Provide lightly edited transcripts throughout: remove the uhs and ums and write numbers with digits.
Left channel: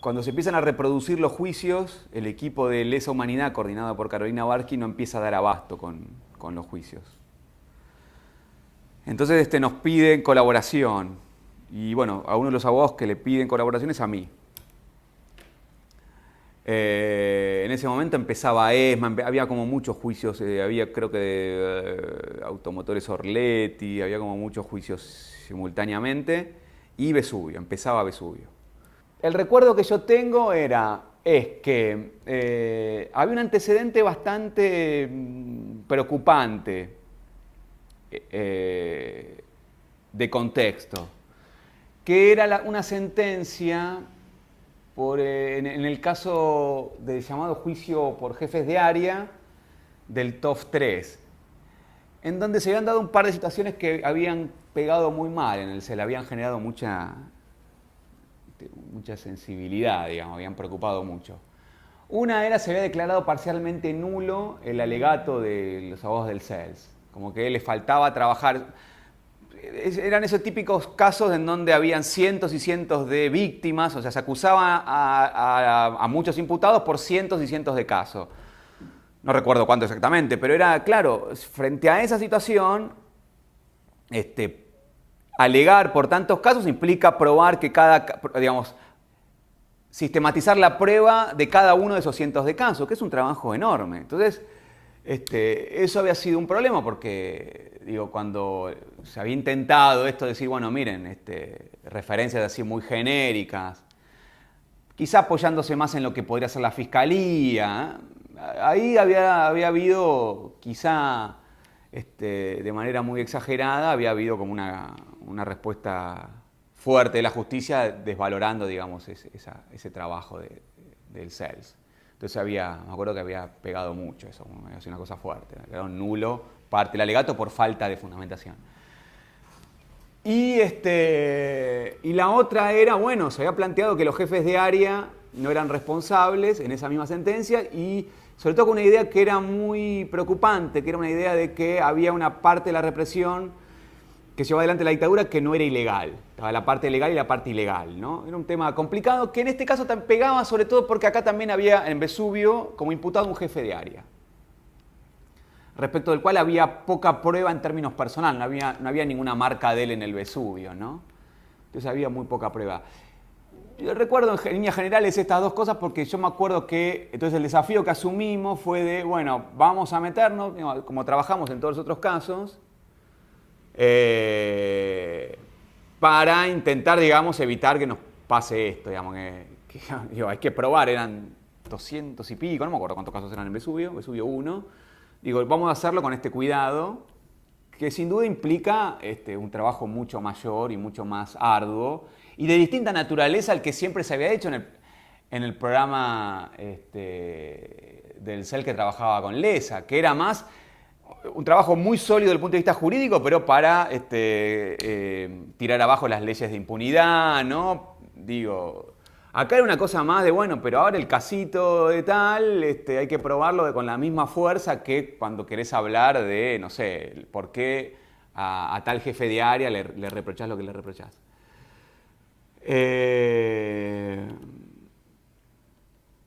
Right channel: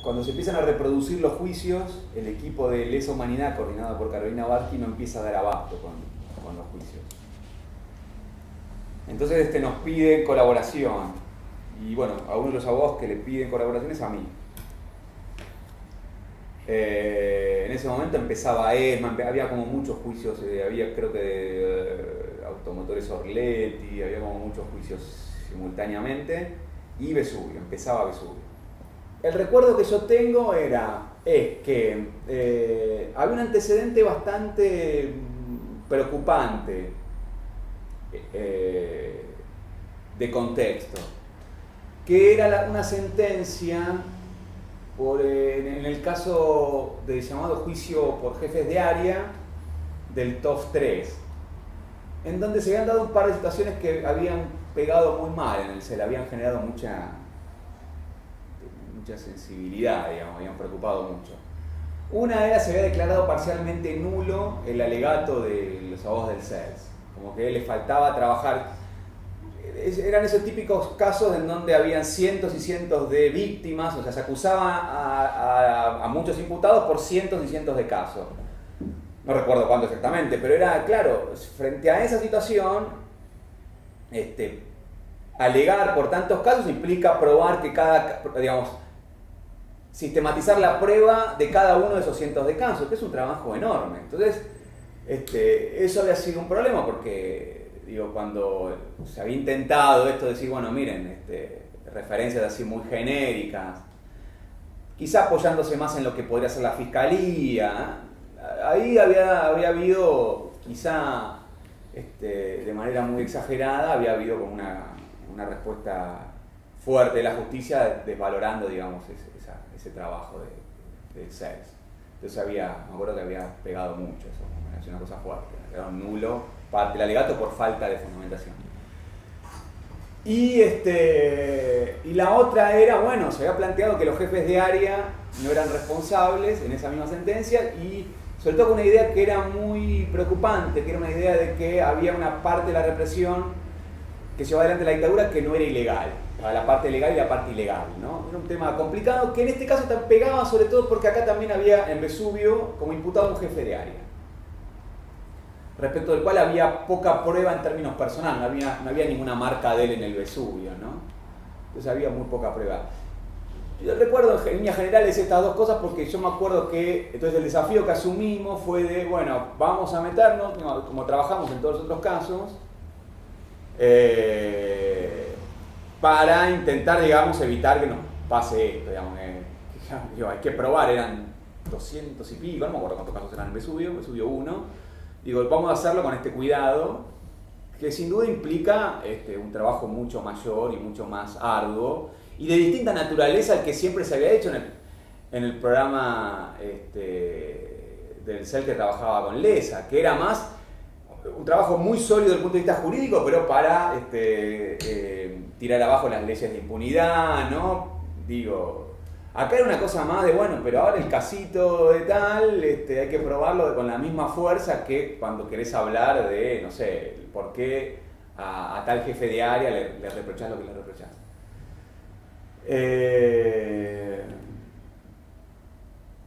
cuando se empiezan a reproducir los juicios, el equipo de Lesa Humanidad, coordinado por Carolina Barqui, no empieza a dar abasto con los juicios. Entonces nos piden colaboración. Y bueno, a uno de los abogados que le piden colaboración es a mí. En ese momento empezaba ESMA, había como muchos juicios, había creo que Automotores Orletti, había como muchos juicios simultáneamente, y Vesubio, empezaba Vesubio. El recuerdo que yo tengo es que había un antecedente bastante preocupante de contexto, que era una sentencia en el caso del llamado juicio por jefes de área del TOF 3, en donde se habían dado un par de situaciones que habían pegado muy mal en el CEL, habían generado mucha sensibilidad, digamos, habían preocupado mucho. Una era, se había declarado parcialmente nulo el alegato de los abogados del CELS, como que le faltaba trabajar. Eran esos típicos casos en donde habían cientos y cientos de víctimas, o sea, se acusaba a muchos imputados por cientos y cientos de casos. No recuerdo cuánto exactamente, pero era, claro, frente a esa situación, alegar por tantos casos implica probar que sistematizar la prueba de cada uno de esos cientos de casos, que es un trabajo enorme. Entonces, eso había sido un problema porque, cuando se había intentado esto de decir, bueno, miren, referencias así muy genéricas, quizá apoyándose más en lo que podría ser la fiscalía, ahí había habido, quizá de manera muy exagerada, había habido como una respuesta fuerte de la justicia desvalorando, digamos, ese trabajo del CELS. Entonces me acuerdo que había pegado mucho eso, había sido una cosa fuerte, era un nulo parte del alegato por falta de fundamentación. Y la otra era, bueno, se había planteado que los jefes de área no eran responsables en esa misma sentencia, y sobre todo con una idea que era muy preocupante, que era una idea de que había una parte de la represión que llevaba adelante la dictadura que no era ilegal. Estaba la parte legal y la parte ilegal, ¿no? Era un tema complicado que en este caso pegaba sobre todo porque acá también había en Vesubio como imputado un jefe de área, respecto del cual había poca prueba en términos personales, no había ninguna marca de él en el Vesubio, ¿no? Entonces había muy poca prueba. Yo recuerdo en líneas generales estas dos cosas porque yo me acuerdo que entonces el desafío que asumimos fue de, bueno, vamos a meternos, como trabajamos en todos los otros casos, para intentar, digamos, evitar que nos pase esto, digamos, hay que probar, eran 200 y pico, no me acuerdo cuántos casos eran en Vesubio 1, vamos a hacerlo con este cuidado, que sin duda implica un trabajo mucho mayor y mucho más arduo, y de distinta naturaleza al que siempre se había hecho en el programa del CEL que trabajaba con Lesa, que era más un trabajo muy sólido desde el punto de vista jurídico, pero para tirar abajo las leyes de impunidad, ¿no? Acá era una cosa más de, bueno, pero ahora el casito de tal, hay que probarlo con la misma fuerza que cuando querés hablar de, no sé, por qué a tal jefe de área le reprochás lo que le reprochás.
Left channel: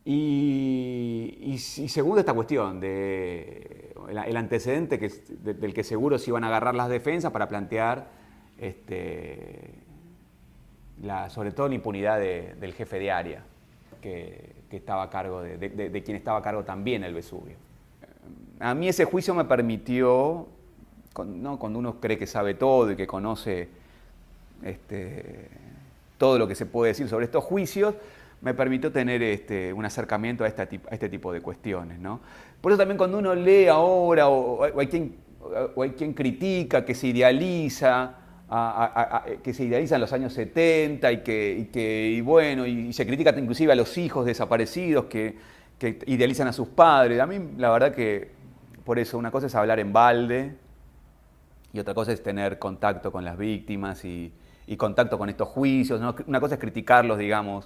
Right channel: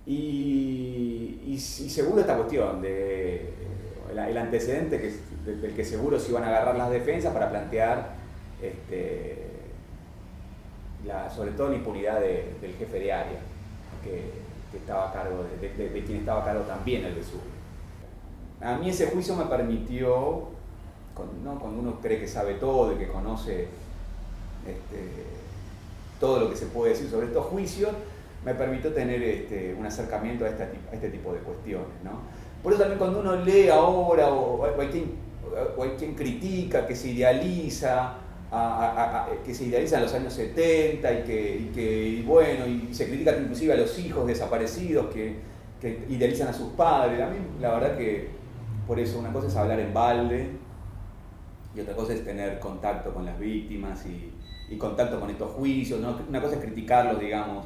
Y segundo, esta cuestión de el antecedente del que seguro se iban a agarrar las defensas para plantear sobre todo la impunidad del jefe de área que estaba a cargo de quien estaba a cargo también el Vesubio. A mí ese juicio me permitió, ¿no? Cuando uno cree que sabe todo y que conoce todo lo que se puede decir sobre estos juicios, me permitió tener un acercamiento a este tipo de cuestiones, ¿no? Por eso también cuando uno lee ahora, o hay quien critica, que se idealiza, que se idealizan los años 70 y se critica inclusive a los hijos desaparecidos que idealizan a sus padres. A mí la verdad que por eso una cosa es hablar en balde y otra cosa es tener contacto con las víctimas y contacto con estos juicios, ¿no? Una cosa es criticarlos, digamos,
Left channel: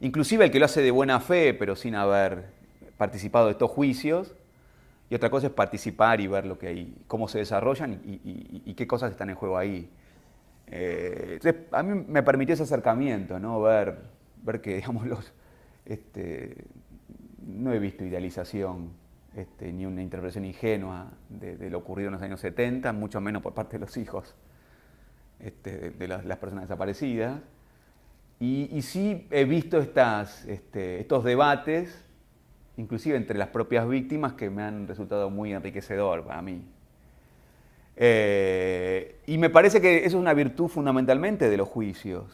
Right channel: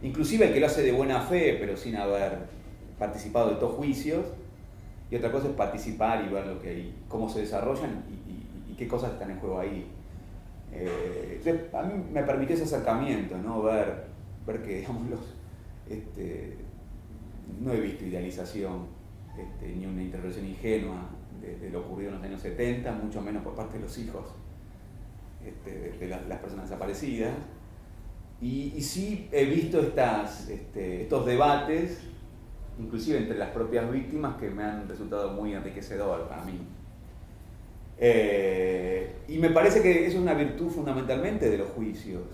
inclusive el que lo hace de buena fe pero sin haber participado de estos juicios, y otra cosa es participar y ver cómo se desarrollan y qué cosas están en juego ahí. Entonces, a mí me permitió ese acercamiento, ¿no? Ver ver que, digamos, no he visto idealización ni una interpretación ingenua de lo ocurrido en los años 70, mucho menos por parte de los hijos de las personas desaparecidas. Y sí he visto estos debates, inclusive entre las propias víctimas, que me han resultado muy enriquecedor para mí. Y me parece que eso es una virtud fundamentalmente de los juicios.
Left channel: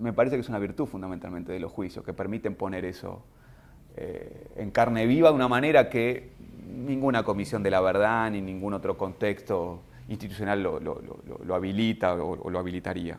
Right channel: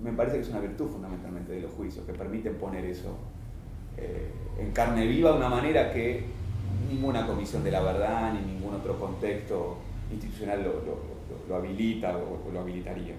Me parece que es una virtud fundamentalmente de los juicios, que permiten poner eso en carne viva de una manera que ninguna comisión de la verdad ni ningún otro contexto institucional lo habilita o lo habilitaría.